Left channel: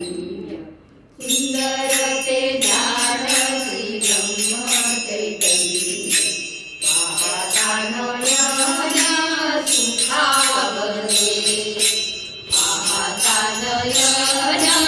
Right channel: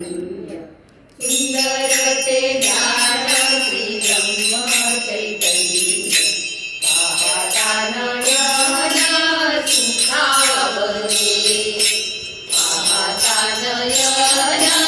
सुंदर ते ज्ञान श्री ब्रह्म चैतन्य पाहता नयना सुखावले पाहता नयना